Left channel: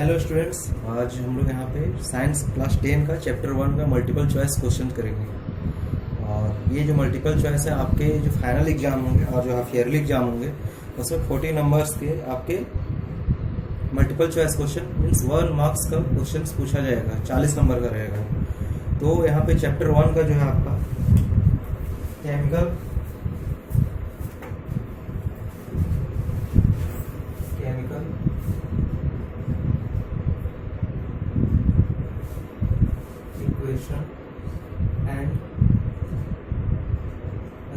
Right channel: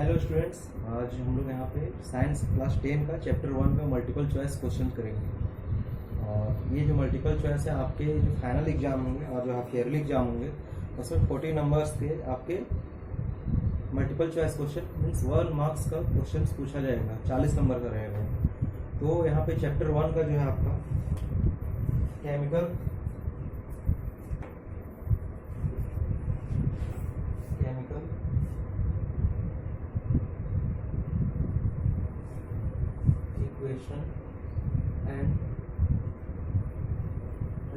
Hello students, आज हम लोग यहाँ पे साइंस क्लास 10 का चैप्टर 1 का मल्टीपल चॉइस क्वेश्चन करेंगे। और ये जो मल्टीपल चॉइस है आपके जो फाइनल एग्जाम होंगे और जो हाफ ईयरली एग्जाम होंगे उसमें 40 नंबर्स के आपके multiple choice question means 1 marks का क्वेश्चन पूछा जाएगा, 40 नंबर का रहेगा। तो यहाँ पे चैप्टर 1 का जो है आपका केमिकल इक्वेशन एंड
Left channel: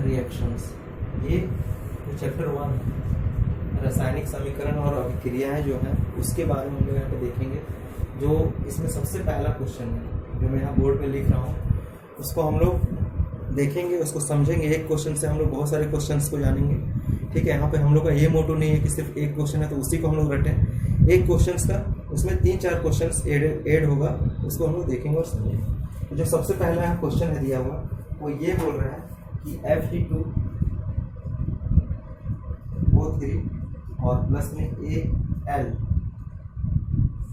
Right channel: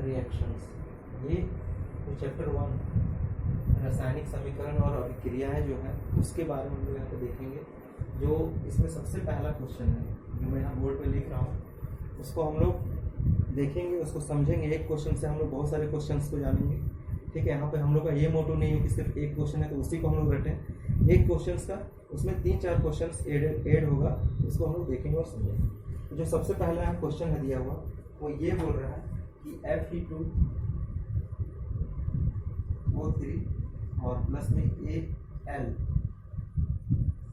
रिएक्शंस, ये जो चैप्टर 1 है रासायनिक समीकरण और अभिक्रियाएं जो हैं उसके बारे में हम लोग यहाँ पे देखेंगे। जो इसमें सबसे पहला क्वेश्चन है जो मैं यहाँ बोर्ड पे लिख रहा हूँ उसको हम लोग देखेंगे, उसको समझेंगे। एक क्वेश्चन से हम लोग बहुत सारे क्वेश्चंस को जानेंगे। ठीक है, यहाँ पे हम लोग का ये मोटो नहीं है कि सिर्फ एक क्वेश्चन है तो उसी को हम लोग रटें। एक क्वेश्चन का उसमें 3-4 क्वेश्चन ऐड होगा, उसको हम लोग देखेंगे और समझेंगे। तो जो सबसे पहला यहाँ क्वेश्चन है दिया हुआ वो ये बोल रहा है कि Fe2O3 और प्लस में Al,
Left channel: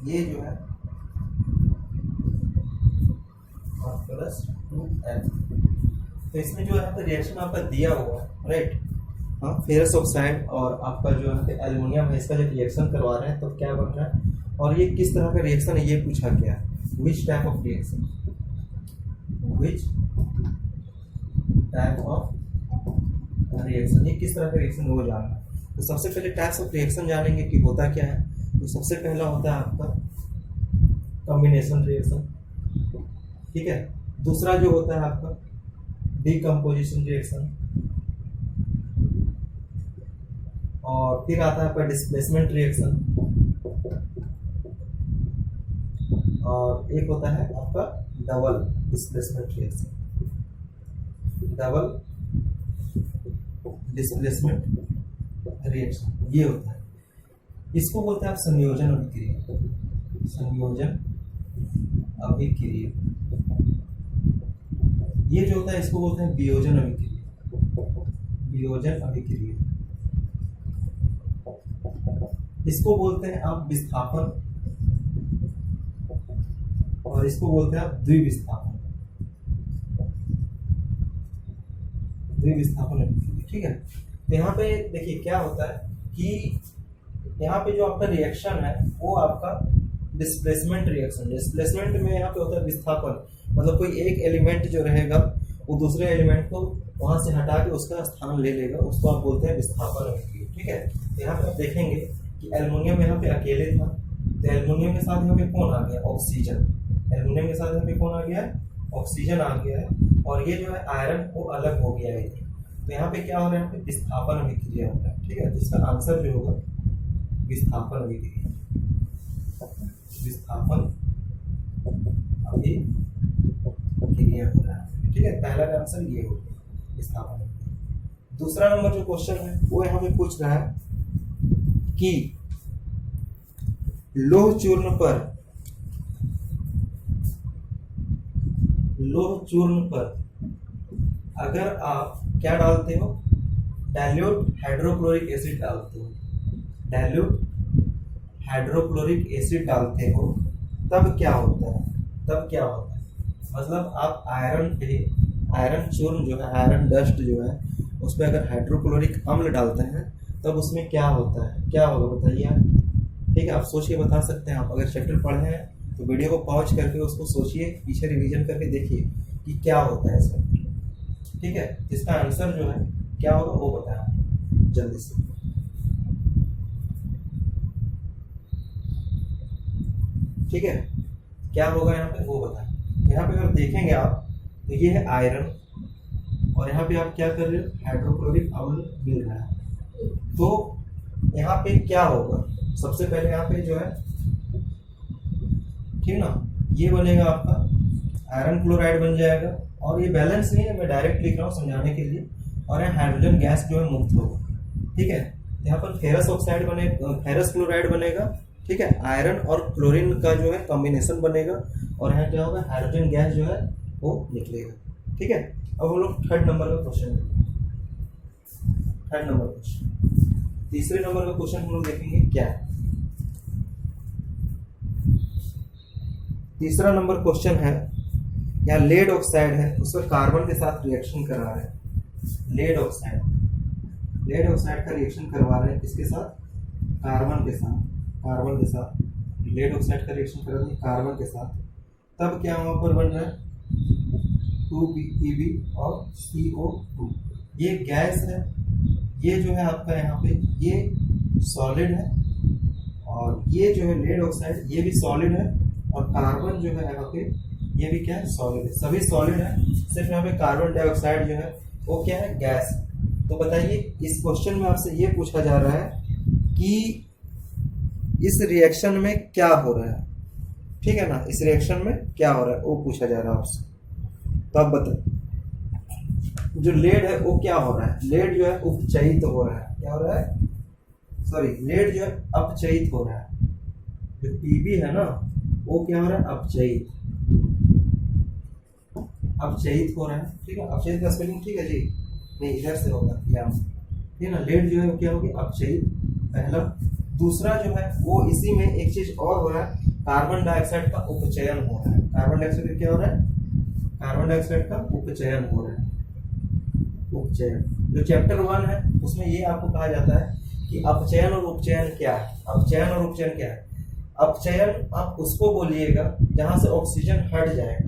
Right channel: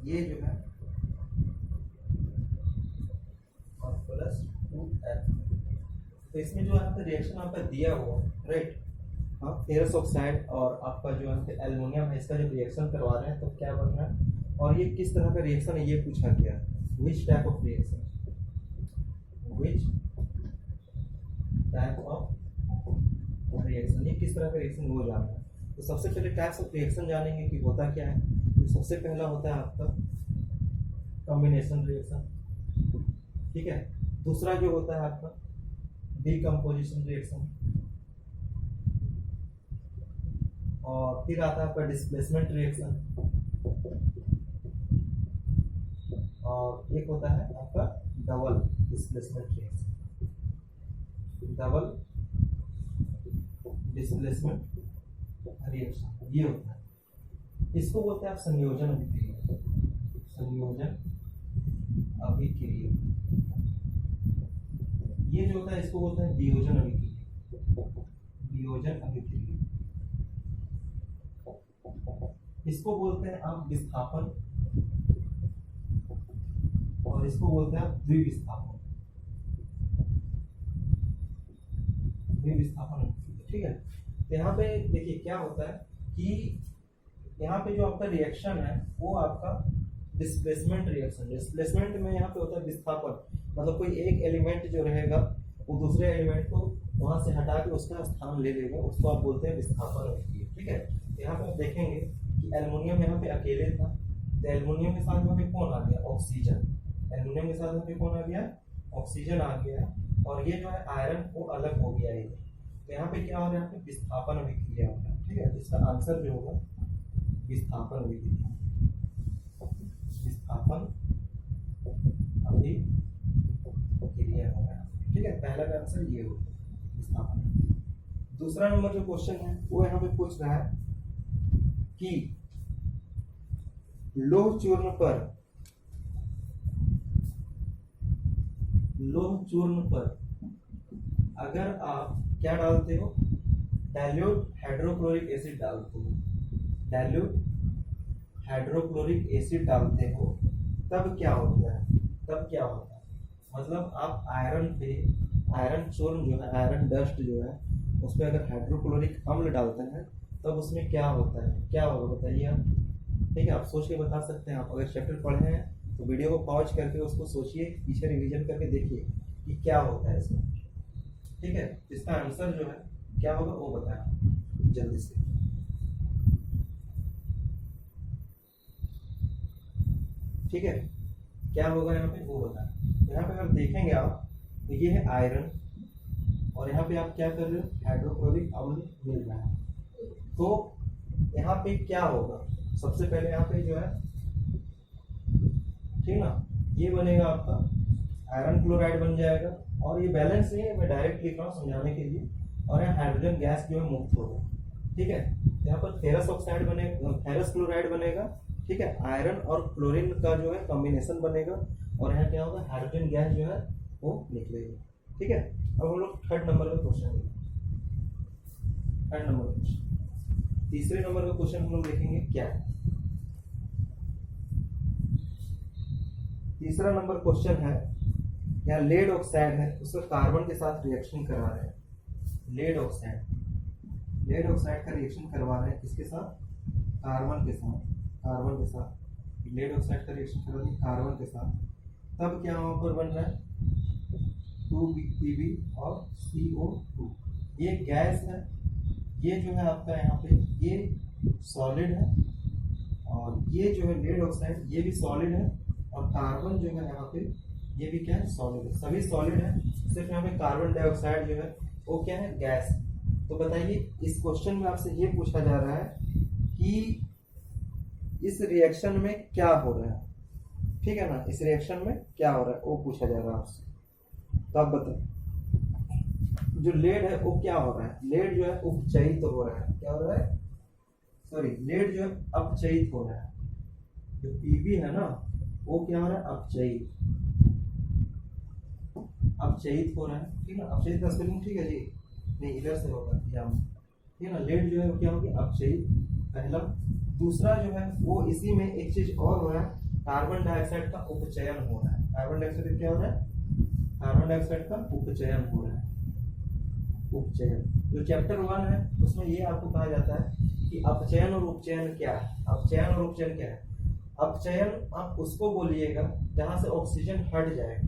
ये जो है और प्लस 2L। तो इसमें जो यहाँ पे रिएक्शन आपका दिया हुआ है, राइट। हाँ, फेरस ऑक्साइड और आपका जो यहाँ पे एल्युमिनियम है, इसका जब रिएक्शन करवा रहे हैं तो क्या बन रहा है और ये किस तरह का रिएक्शन है ये पूछा गया है। Which type of reaction, which type of reaction, ये किस तरह का रिएक्शन वो जानना है। तो सबसे पहले टाइप्स ऑफ रिएक्शन जानेंगे कि होता क्या है। तो सबसे पहला होता है आपका कॉम्बिनेशन रिएक्शन, ठीक है। दूसरा जो होता है आपका डीकम्पोजिशन रिएक्शन, और फिर आता है आपका डिस्प्लेसमेंट रिएक्शन, और एक होता है आपका double displacement reaction, double displacement reaction ये होता है। इसको बोलते हैं आप संयोजन अभिक्रिया, संयोजन अभिक्रिया। ये जो होता है इसको बोलते हैं वियोजन अभिक्रिया, वियोजन अभिक्रिया। इसको बोलते हैं आप विस्थापन और इसको बोलते हैं आप द्विविस्थापन, द्विविस्थापन अभिक्रिया, ठीक है। तो यहाँ पे देखिए क्या होता है कि यहाँ पे जो आपका रिएक्शन है वो आपका डिस्प्लेसमेंट रिएक्शन, डिस्प्लेसमेंट में यहाँ पे होता है विस्थापन, मतलब कोई एक एलिमेंट जो रहेगा वो दूसरे एलिमेंट को वहां से हटा के उसका स्थान ले लेगा, उसको आप बोलते हैं विस्थापन अभिक्रिया, ठीक है। यहाँ पे आप देखेंगे कि एल्युमिनियम यहाँ पे अकेले था, तो एल्युमिनियम के साथ यहाँ पे कौन आ गया, ऑक्सीजन। एल्युमिनियम के साथ यहाँ पे कौन आ गया है, ऑक्सीजन आ गया है, और ये जो है आयरन वो अलग हो गया है। तो यहाँ पे क्या हो रहा है, यहाँ पे विस्थापन अभिक्रिया हो रहा है, ठीक है। तो इसका आंसर जो होगा विस्थापन अभिक्रिया, विस्थापन अभिक्रिया हो रहा है, ठीक है। पहला का आंसर ये होगा विस्थापन अभिक्रिया। दूसरा नंबर जो क्वेश्चन है वो यहाँ पे पूछ रहा है कि लोह चूर्ण पर अगर आप क्या डालते हो, डाइल्यूट हाइड्रोक्लोरिक एसिड डालते हो, डाइल्यूट हाइड्रोक्लोरिक एसिड डालते हो, तब क्या होता है, तब क्या होता है, मतलब आप आयरन पे, आयरन चूर्ण जो है, आयरन डस्ट जो है उस पर अगर हाइड्रोक्लोरिक अम्ल डालते हैं तब उसमें क्या होता है, क्या होगा बताइए आप। ठीक है, आप सोच के बता सकते हैं। आप अगर चैप्टर पढ़े हैं तो वीडियो को पॉज करके उसको सोचिए, पीछे रिवीजन करके देखिए कि क्या होता है इसमें, ठीक है। इसका आंसर जो है क्या होगा वो बताएं जल्दी से। ठीक है, क्या होगा यहाँ पे वो बताएं। यहाँ पे अगर देखेंगे आप तो ये है आयरन और यहाँ पे आप क्या कर रहे हो, हाइड्रोक्लोरिक अम्ल मिल रहा है। तो यहाँ पे क्या होगा, सबसे पहले यहाँ पे जो है, ठीक ना, ये बनेगा आपका आयरन क्लोराइड बन जाएगा, और ये बैलेंस नहीं है, मैं डायरेक्ट लिख रहा हूँ समझाने के लिए। और यहाँ हाइड्रोजन गैस जो है मुक्त होगा, ठीक है। यहाँ पर फेरस ऑक्साइड बनेगा, फेरस क्लोराइड बनेगा, ठीक है। आयरन और क्लोरीन का जो है कॉम्बिनेशन बनेगा, और यहाँ क्या होगा, हाइड्रोजन गैस जो है वो निकलेगा, ठीक है। अब हम लोग थर्ड नंबर का क्वेश्चन देखेंगे। थर्ड नंबर क्वेश्चन, तीसरे नंबर का क्वेश्चन हम लोग देखेंगे क्या है। तीसरा नंबर क्वेश्चन है, यहाँ लेड ऑक्साइड है, उसका कार्बन के साथ रिएक्शन करा रहे हैं। लेड ऑक्साइड का रिएक्शन करवा रहे हैं किसके साथ? कार्बन के साथ लेड ऑक्साइड का रिएक्शन करा रहे हैं कार्बन के साथ। तब क्या वहाँ पर बन रहा है? 2Pb और CO2। ये गैस है, ये जो है आपका यहाँ पे ये सॉलिड है, और ये जो है लेड ऑक्साइड ये भी सॉलिड है, और कार्बन जो है यहाँ पे ये भी क्या है? सॉलिड है। सभी सॉलिड है, सिर्फ यहाँ पे कार्बन डाइऑक्साइड जो है वो क्या है? गैस। तो बताइए इस क्वेश्चन में आपसे ये पूछा जा रहा है कि इस रिएक्शन में क्या हो रहा है, ठीक है ना? इस रिएक्शन में क्या हो रहा है वो पूछा जा रहा है आपसे। तो आप बताइए जो लेड है वो क्या हो रहा है? लेड जो है उपचयित हो रहा है। क्या हो रहा है? सॉरी, लेड जो है अपचयित हो रहा है। जो पीबी है ना वो क्या हो रहा है? अपचयित हो रहा है, ठीक है। अपचयित का स्पेलिंग ठीक है जी? नहीं, इधर से होगा या ठीक है ना। लेड जो है वो क्या होगी? अपचयित, पहला। दूसरा जो है वो इसी में एक चीज और हो रहा है, कार्बन डाइऑक्साइड का उपचयन हो रहा है। कार्बन डाइऑक्साइड क्या हो रहा है? कार्बन डाइऑक्साइड का उपचयन हो रहा है। उपचयन जो चैप्टर 1 है उसमें ये आपको कहा जाता है कि अपचयन और उपचयन क्या है। अपचयन आप उसको बोलिएगा जहां से ऑक्सीजन हट जाएगा,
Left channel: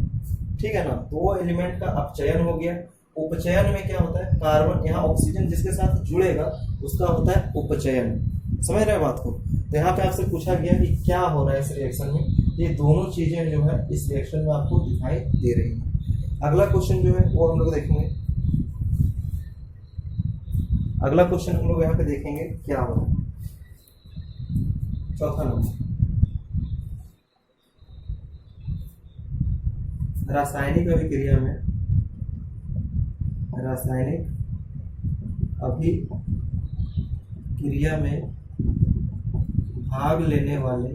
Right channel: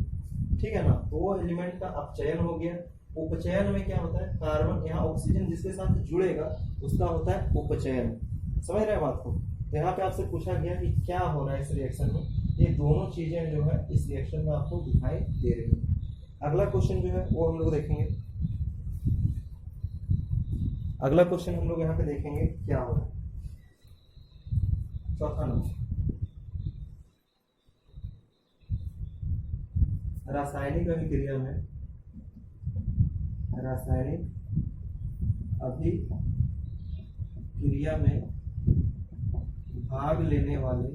ठीक है ना, तो वो एलिमेंट का अपचयन हो गया। उपचयन में क्या होता है? कार्बन यहाँ ऑक्सीजन जिसके साथ जुड़ेगा उसका होता है उपचयन। समझ रहे हैं बात को? तो यहाँ पे आपसे पूछा गया कि क्या हो रहा है इस रिएक्शन में। ये दोनों चीजें जो है इस रिएक्शन में आपको दिखाई दे रही है। अगला क्वेश्चन जो है वो हम लोग देखेंगे। अगला क्वेश्चन हम लोग यहाँ पे देखेंगे क्या हो रहा है। चौथा नंबर, रासायनिक अभिक्रिया में भाग लेने वाले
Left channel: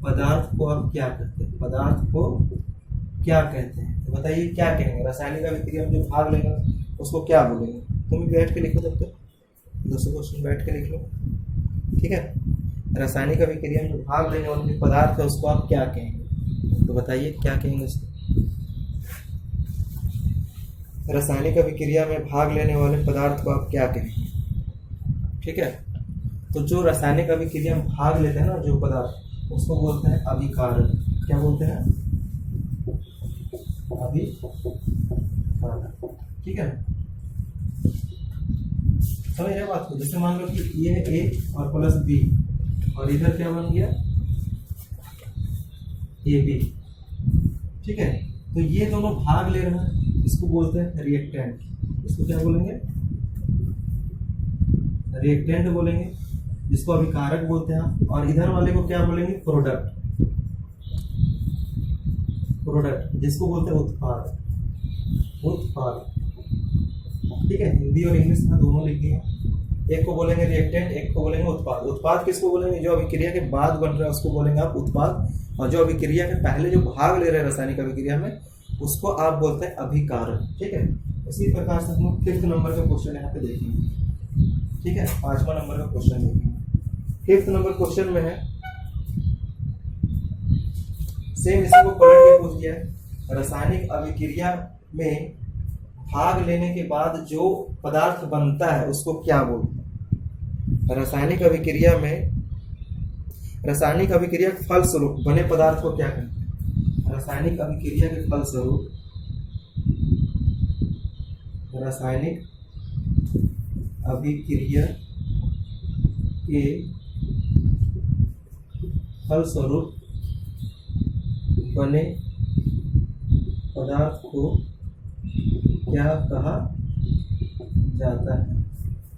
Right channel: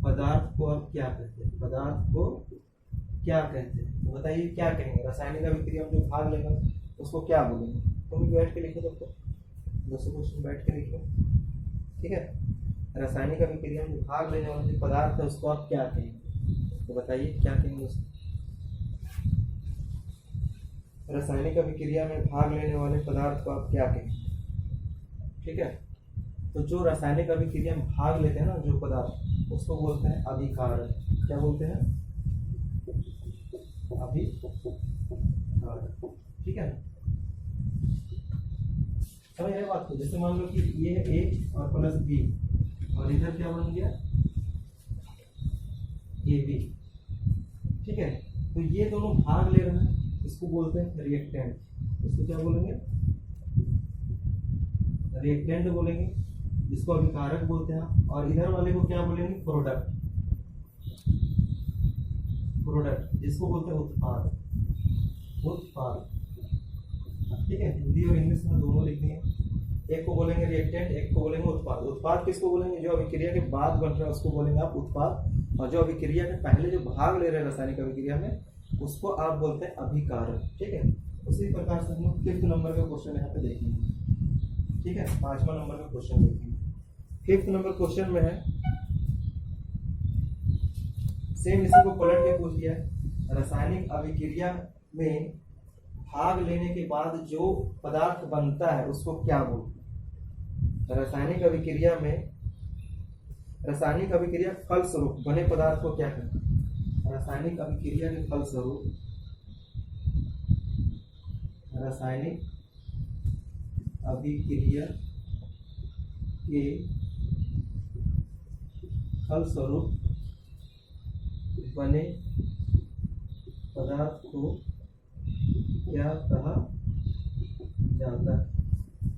पदार्थ को अब क्या कहते हैं? तो बताइए क्या कहेंगे? रासायनिक अभिक्रिया में जो भाग लेगा उसको क्या बोलेंगे? तुम भी बैठ के लिखो, तब तक दूसरे क्वेश्चन बैठ के लिख लो, ठीक है। रासायनिक अभिक्रिया में जो भाग लेने वाले पदार्थ है उसको आप क्या कहेंगे? तो बताइए क्या कहेंगे उसको? रासायनिक अभिक्रिया में भाग लेने वाले पदार्थ को आप क्या कहेंगे? ठीक है, तो जो रासायनिक अभिक्रिया में भाग लेते हैं ना जो पदार्थ, उसको बोलते हैं अभिकारक। क्या बोलते हैं? अभिकारक, ठीक है। समझ रहे बात को? जैसे मान लो कि ये है ए और प्लस बी, और इधर क्या बन गया? ए बी, ठीक है। तो ये दोनों भाग ले रहे हैं, इसको बोलते हैं रिएक्टेंट। इसको क्या बोलेंगे? रिएक्टेंट बोलेंगे, जिसको अभिकारक बोलते हैं। और इधर वाले को क्या बोलेंगे? प्रोडक्ट, जिसको बोलते हैं उत्पाद, ठीक है। हिंदी और इंग्लिश में दोनों लिखनी है। एक को बोलेंगे रिएक्टेंट, एक को बोलेंगे उत्पाद। उत्पाद किसको बोलेंगे? जो अभिक्रिया के बाद बन रहा है उसको बोलेंगे आप उत्पाद, और जो अभिक्रिया के पहले जो भाग ले रहे हैं रासायनिक अभिक्रिया में उसको आप बोलते हैं अभिकारक, ठीक है। उसी प्रकार से हम लोग 5th नंबर का क्वेश्चन यहाँ पे देखेंगे, ठीक है। 5वां नंबर का क्वेश्चन देखेंगे। 5th नंबर क्वेश्चन में है, सेम इसी को पलट के पूछ दिया है। रासायनिक अभिक्रिया में भाग लेने के बाद जो पदार्थ बनता है उसको क्या बोलते हैं? रासायनिक अभिक्रिया के फलस्वरूप बने पदार्थ को क्या कहते हैं? रासायनिक अभिक्रिया के फलस्वरूप बने पदार्थ को क्या कहा जाता है?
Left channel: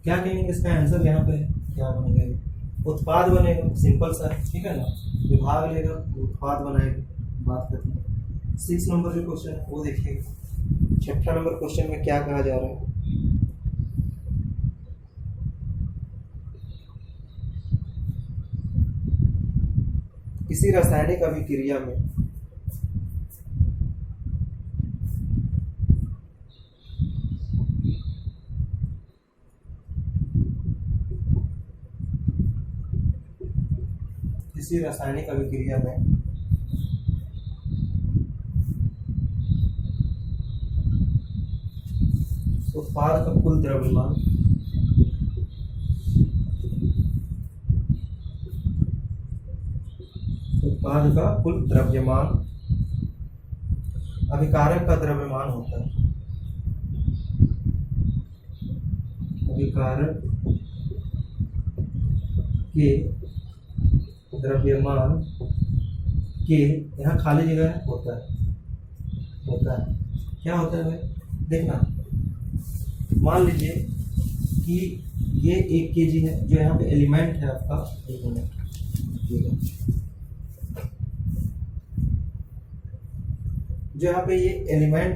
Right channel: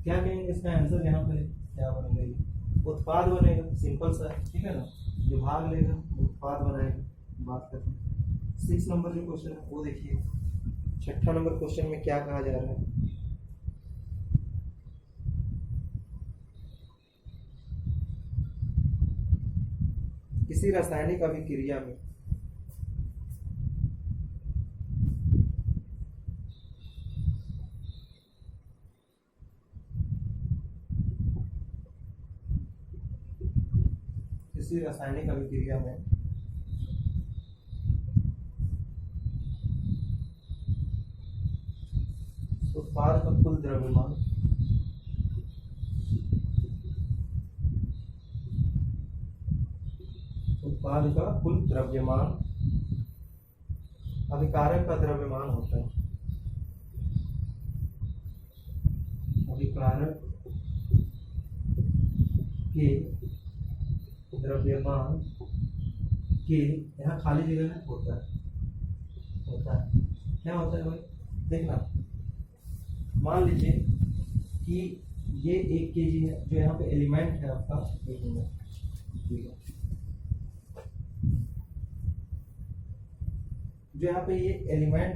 क्या कहेंगे? इसका आंसर यहाँ पे क्या बनेगा? उत्पाद बनेगा, सिंपल सा है, ठीक है ना। जो भाग लेगा उत्पाद बनाएगा। बात करते हैं 6 नंबर जो क्वेश्चन है वो देखिएगा। 6ठा नंबर क्वेश्चन में क्या कहा जा रहा है? किसी रासायनिक अभिक्रिया में किसी रासायनिक अभिक्रिया में उत्पाद का कुल द्रव्यमान अभिकारक का द्रव्यमान होता है। अभिकारक के द्रव्यमान के, यहाँ खाली जगह है, होता है क्या होता है भाई, देखना। मान लीजिए कि ये 1 kg है, जो यहाँ पे एलिमेंट है आपका, 1 मिनट, ठीक है, जो यहाँ पे ये एलिमेंट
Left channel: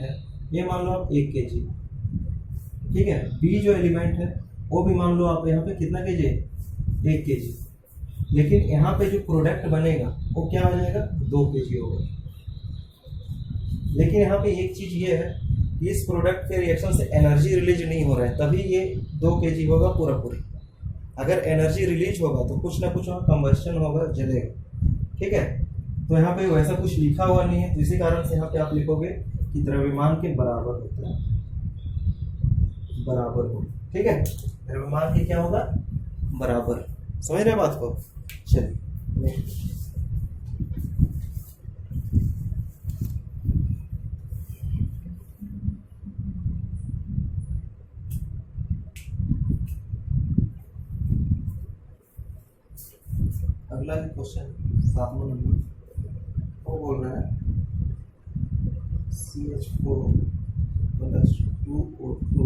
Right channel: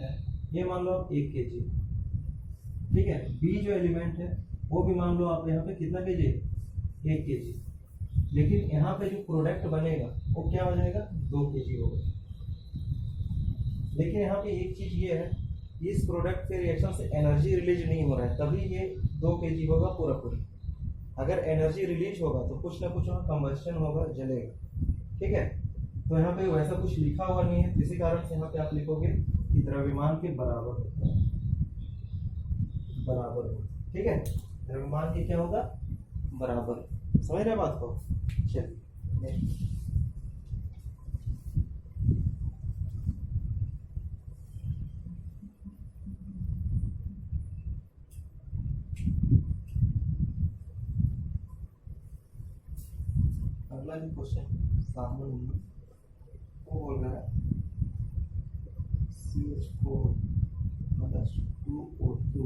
है, ये मान लो आप 1 kg, ठीक है। बी जो एलिमेंट है वो भी मान लो आप यहाँ पे कितना kg है, 1 kg, लेकिन यहाँ पे जो प्रोडक्ट बनेगा वो क्या हो जाएगा, 2 kg होगा। लेकिन यहाँ पे एक चीज ये है, इस प्रोडक्ट के रिएक्शन से एनर्जी रिलीज नहीं हो रहा है, तभी ये 2 kg होगा पूरा। अगर एनर्जी रिलीज होगा तो कुछ ना कुछ वहाँ कंबस्शन होगा, जलेगा, ठीक है। तो यहाँ पे वैसा कुछ लिखा हुआ नहीं है, तो इसी कारण से यहाँ पे आप लिखोगे कि द्रव्यमान के बराबर होता है, बराबर हो, ठीक है। द्रव्यमान के क्या होगा, बराबर। समझ रहे बात को? चलिए अगला क्वेश्चन 7वां नंबर, वो बोल रहा है CH4 + 2O2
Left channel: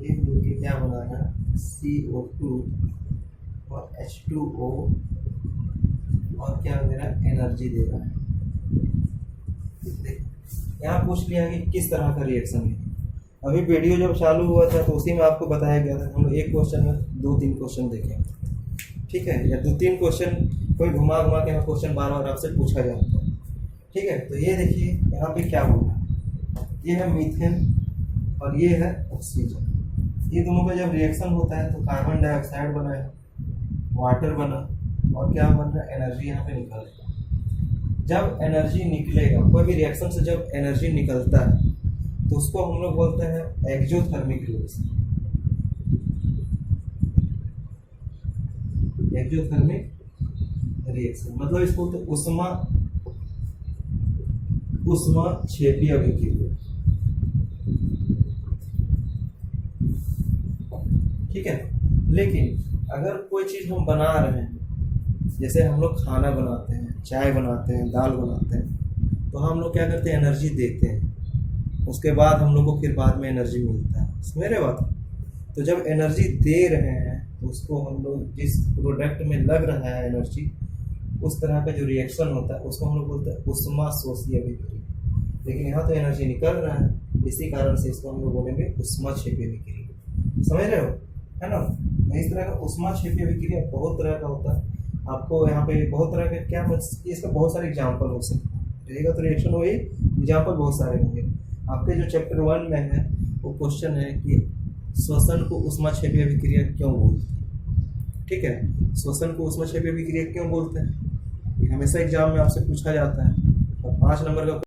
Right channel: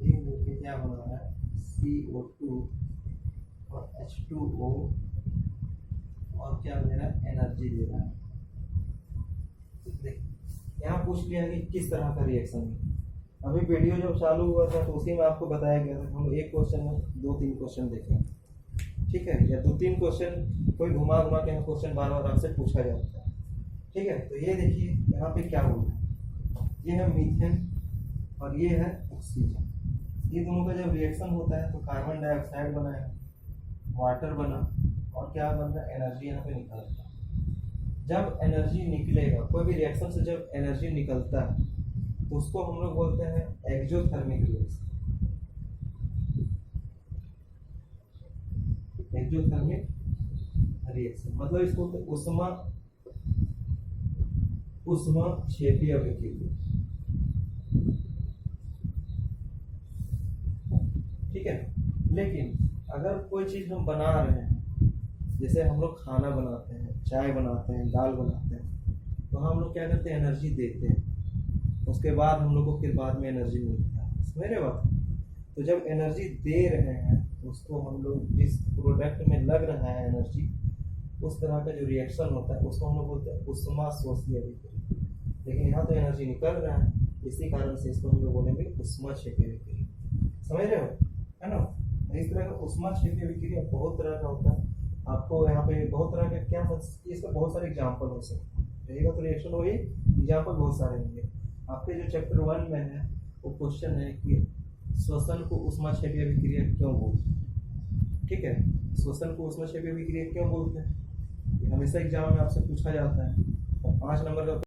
ये मिलके क्या बना रहा है, CO2 और H2O, और क्या दे रहा है, एनर्जी दे रहा है। देख यहाँ पूछ लिया कि किस तरह का रिएक्शन है। अभी वीडियो जब चालू हुआ था तो उसी में आपको बताया गया था, हम एक क्वेश्चन में 2-3 क्वेश्चन देखें, ठीक है, या 2-3 क्वेश्चन कोई घुमा के यहाँ क्वेश्चन बार आपसे पूछा जाता है, ठीक है। तो ये देखिए यहाँ पे क्या बोला, ये है मीथेन और ये है ऑक्सीजन। ये दोनों का जब रिएक्शन होता है तो कार्बन डाइऑक्साइड बना है, वाटर बना, और क्या बन रहा है, एनर्जी यहाँ पे निकल रहा है। जब एनर्जी निकलेगा, कोई भी रिएक्शन से जब एनर्जी निकलता है तो उसको हम लोग बोलते हैं एक्सोथर्मिक रिएक्शन। एक्सोथर्मिक रिएक्शन मतलब इसको बोलते हैं ऊष्माक्षेपीय अभिक्रिया, ठीक है। लेकिन अगर कोई चीज हम बना रहे हैं, जैसे हम लोग खाना बनाते हैं, चाय बनाते हैं, दाल बनाते हैं, तो हम लोग क्या करते हैं, एनर्जी देते हैं, उसके बाद हम लोग को फिर बाद में एनर्जी मिलता है। समझ रहे बात? तो जब एनर्जी दे रहे हैं तो उसको हम लोग, जिस प्रोडक्ट में लग रहा है एनर्जी, उस तरह का जो रिएक्शन होता है उसको हम लोग बोलते हैं ऊष्माशोषीय अभिक्रिया। लेकिन यहाँ तो एनर्जी निकल रहा है, इसी कारण से इसको हम लोग बोलेंगे ऊष्माक्षेपीय अभिक्रिया। समझ रहे हो, है ना? इस तरह का ऊष्माक्षेपीय अभिक्रिया बहुत तरह का होता है। आपको यहाँ पे बहुत तरह के क्या, इसका बहुत सारे एग्जाम्पल हो सकते हैं, रहेगा तो रिएक्शन वही एग्जाम्पल बहुत सारे होंगे। आपके जो चैप्टर 1 में है वो क्वेश्चन है कि श्वसन को ऊष्माक्षेपीय अभिक्रिया क्यों बोलते हैं, ठीक है। श्वसन को ऊष्माक्षेपीय अभिक्रिया क्यों बोलते हैं, ये हमेशा एग्जाम में आपसे पूछा जाता है। और 5 नंबर का